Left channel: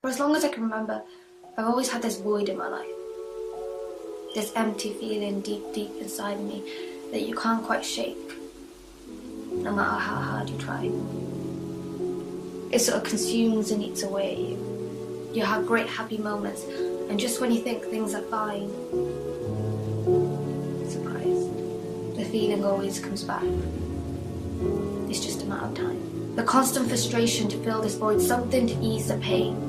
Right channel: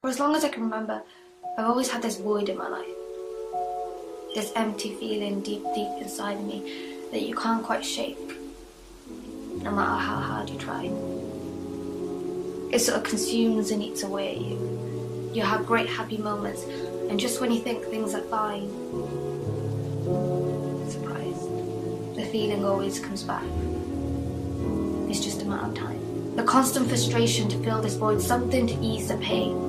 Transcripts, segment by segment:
For as long as I can remember, I've always had this void in my life. This empty feeling deep, deep inside of me that you can't quite shake, no matter how hard you try. It sort of consumes and eats away at you. You have great happy moments, and just when you think things are fine, surprise, the feeling always comes back. It's just a matter of time. The constant frustration to fill this void, something to ease the pain.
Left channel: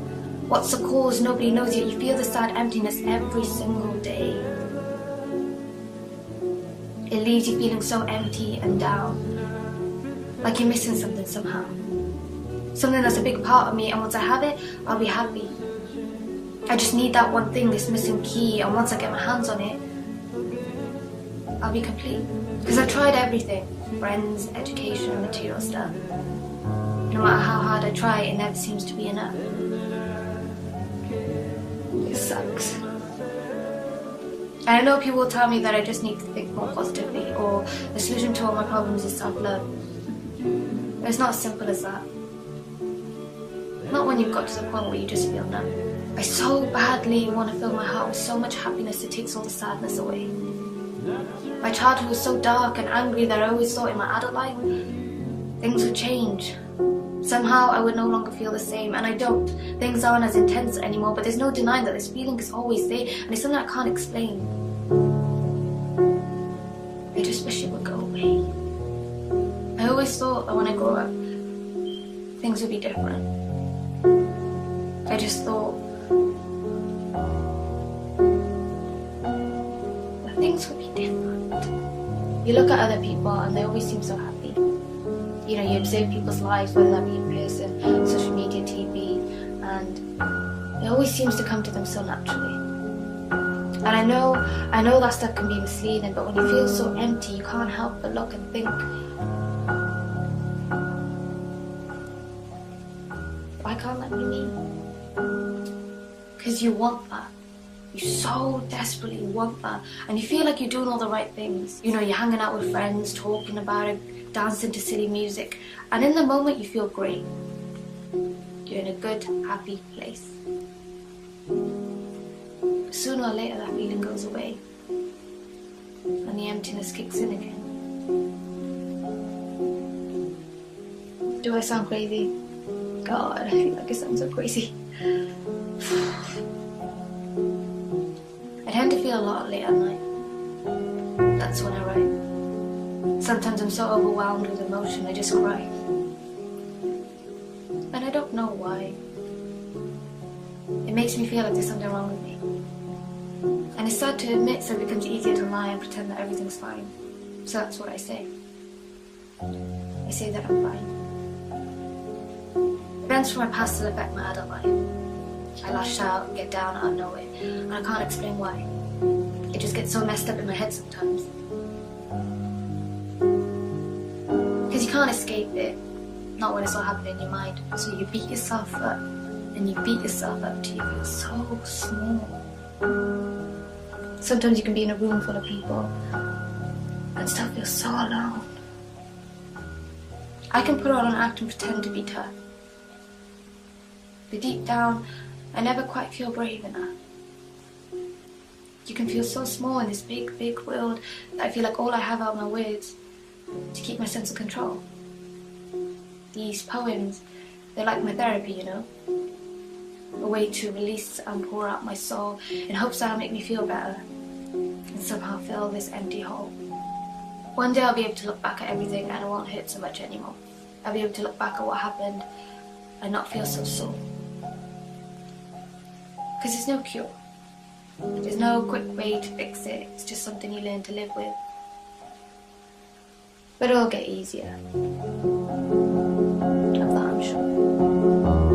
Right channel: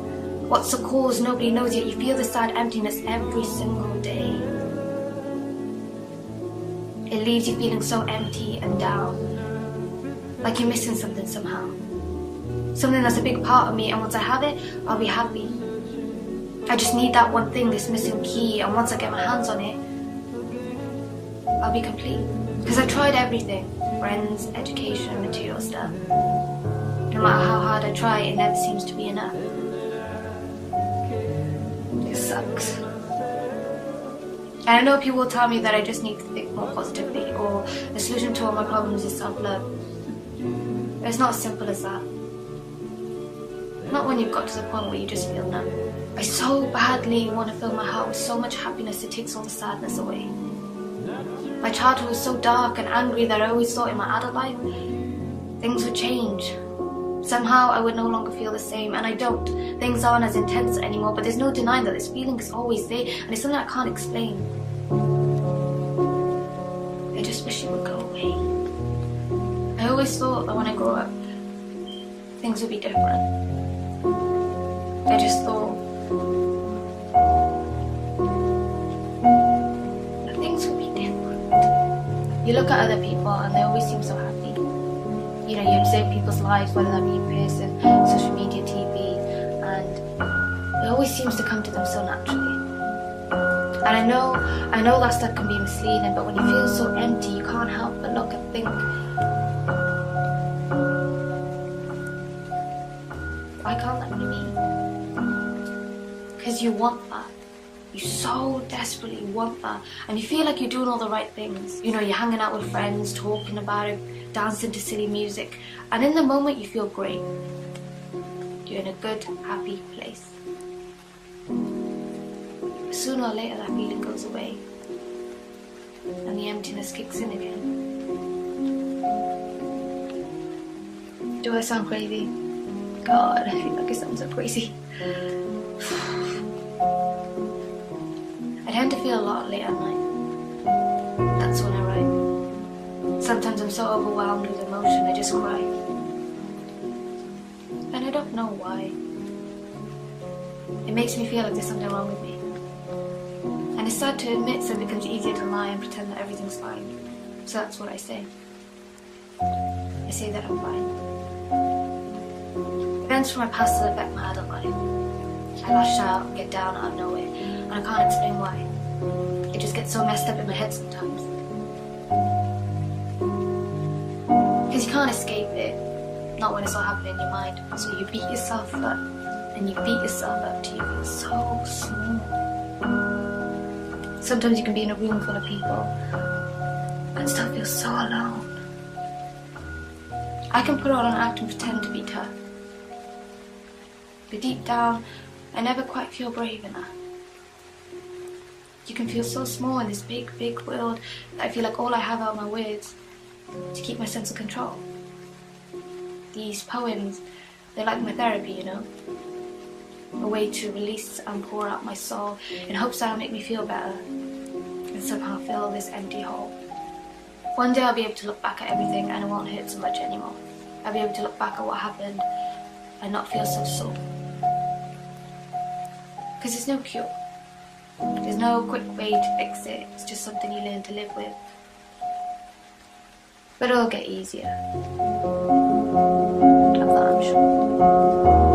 What's the cause? Nobody knows, yet you feel the sad emptiness every single day. It leaves you feeling so empty and down, like you're missing something somehow. Something that's a big part of me, and once I have it, I'll be happy. I just need that one thing, this missing key, and once I get my hands on it, I'll be complete. Because I've tried everything, friends, education, material stuff. No matter how hard I try, it never seems to be enough. It sucks. And I know people will tell me that I just need to think more positively, or the solution to all my problems is self-love. But it's not as simple as that. Not when you've got to the point where you just feel numb. I so badly want to fill my heart with so much happiness it takes all the sadness away. My childhood was so dark and angry that I always thought in my adult life things would change. Somehow I would no longer feel the same, and I don't. Things aren't as intense anymore, but there's no denying that this feeling is always there, and it's something I can't explain. I just wish it would go away. I always thought that when I grow up, things would be different. I just thought that things would be different. You look at other people and they always seem so happy. You know, you observe people's lives, whether that be in person, social media, TV, and it always seems to come to them so naturally. And I know that stuff can be misleading, but when you feel so empty, you can't help but look and think, why can't that be me? Because you want that. You so desperately want that. And you feel like you're doing all the right things. You know, you're hanging out with friends, talking about it, dancing to silly music. And in the moment, you feel great. You're in a good, happy place. But sooner or later, that feeling goes away. And the emptiness kicks in again. Do I sound crazy? God, I feel like I sound so crazy. I tend to feel a lot late at night. That's when I write. Sometimes I'm so overwhelmed with emotion, I just cry. And I don't know why. It makes me feel like there's something wrong with me. And it's sad to admit, so it becomes easier to lie and pretend that everything's fine. So that's what I say. I say that I'm fine. Events from my past still affect my adult life. I lash out and get down out of nowhere, and I can't explain why. It just gets so messed up in my head sometimes. Because you can't escape it, not when it's all happening in your mind. So you beat yourself up, and you beat yourself up till you feel so small. Sometimes you can be in a room full of people and still feel so alone. I can put on an act and pretend to be tough. But deep down, I never quite feel brave enough. You can feel so small in this big, big world that I feel like all I have are my words to keep my sense of control. These poems, they're like my therapy, you know? A way to release and pour out my soul in hopes that'll make me feel better and somehow fill this empty hole. One day I'll be able to look back at everything and it won't hurt so much anymore. I'll be able to look back at what happened and not feel so sore. Because there's no cure. There's no quick way to fix it. It's just something you learn to live with. But it'll get easier. Of that I'm sure.